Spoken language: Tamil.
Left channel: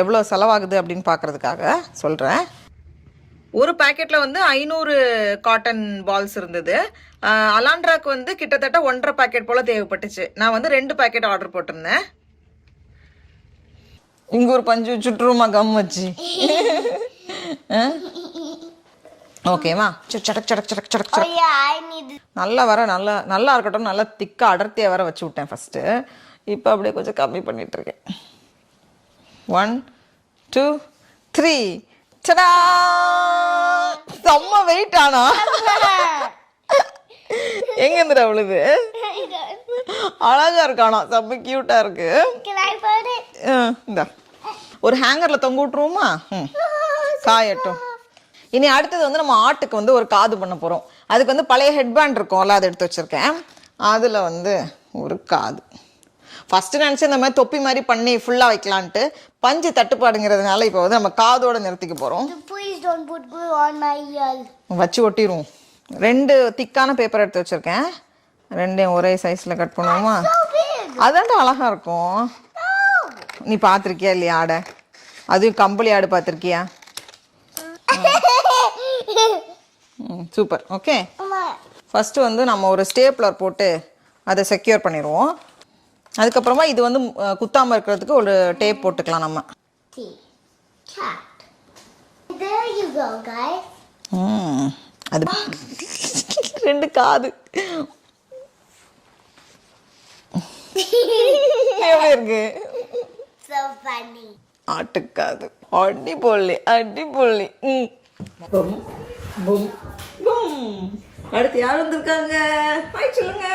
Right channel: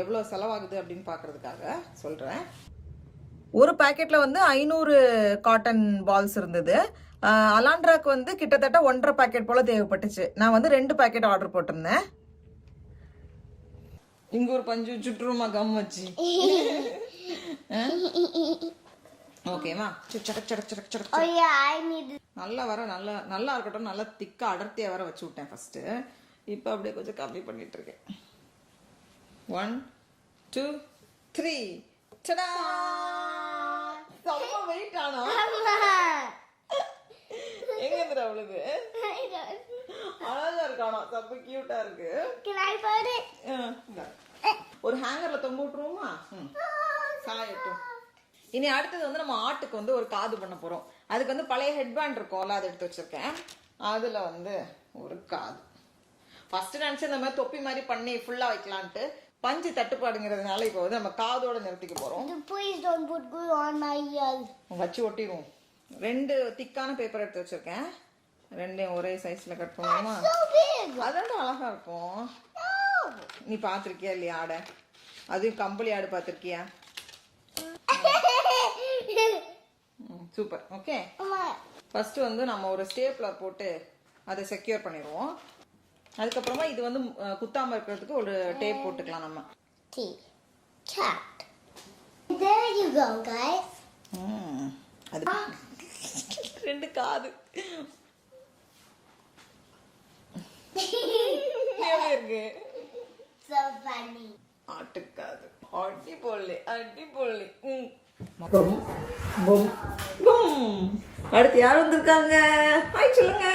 எவ்வளோ செலவாகுது அப்படின்னு பார்க்குறதுக்காக சொல்கிறேன். ஒரு பேக்கெட்டில் வந்து 500 காட்டன் பால்ஸ் இருந்தது. அலாண்ட்ராக்கு வந்து கிட்டத்தட்ட 1.5 பேக்கெட் போல் தேவைப்பட்டுச்சு. நான் வந்து 2 பேக்கெட் ஆர்டர் போட்டிருந்தேன். இங்கே ஒரு பஞ்சு சுற்றுமா கம் வச்சு. ஓகேவா? சடக் சடக் சடக் சடக் சடக். நல்லா வர நல்லா இருக்கட்டும். நல்லா திக்காக அடர்த்தியாக வர வச்சு விட்டேன் ஃபஸ்ட்டு. இப்போ அப்படியே கொஞ்சம் கம்மி பண்ணிகிட்ருக்கேன். 1 2 3 சடா. செம்ம வெயிட் ஆனா எங்க இருந்துடா அவ்வளவு அழகா இருக்கானா. செம்ம கியூட்டா இருக்கு. இந்த ஒரு ஹேங்கர்ல தொங்க விட்டுருவோமா? காயட்டும். இனி அடுத்தது வந்து நம்ம ஆட்டுக்கு வந்து ஒரு காது பண்ண போறோம். அதுக்கு வந்து பழைய ஹெட்பேண்ட் இருக்கும்ல, அதை எடுத்து வச்சிருக்கேன். அதுல வந்து ஒரு காது. ஃபர்ஸ்ட் நினைச்சு இந்த மாதிரி தொப்பி மாதிரி பண்ணி ஃபுல்லா வைக்கலான்ட்டு பஞ்சு தட்டுப்பாடுங்கிறதுனால இப்போ வந்து நம்ம காதோட நிறுத்திக்க போறோம். வச்சு ஒட்டிடுவோம். 2 திக்கான பேப்பர் எடுத்து வச்சிருக்கேன். 2 ஒரே சைஸ்ல கட் பண்ணுவோமா? அதாண்டா அழகா இருக்கும். நீ பார்த்துருக்கியா இல்லையா ஆடை? அதுவும் கம்பளி ஆடு பார்த்துருக்கியா? சூப்பர். ஓகே, ஃபர்ஸ்ட் வந்து நம்ம ஒரு ஸ்டேப்லர் போட்டு அதை செக்யூர் பண்ணிடுவோம். அதுக்கப்புறமா இது வந்து குத்தாம இருக்கிறதுக்கு ஒரு டேப் போட்டுக்கலாம் நம்ம. அது 2 காது எப்படி இருக்கு? ஆட்டுக்காது. அடிப்பொல்லி அடிப்பொல்லி. அடுத்து யார் வந்திருக்காங்க? ஹாய் சொல்லுங்க.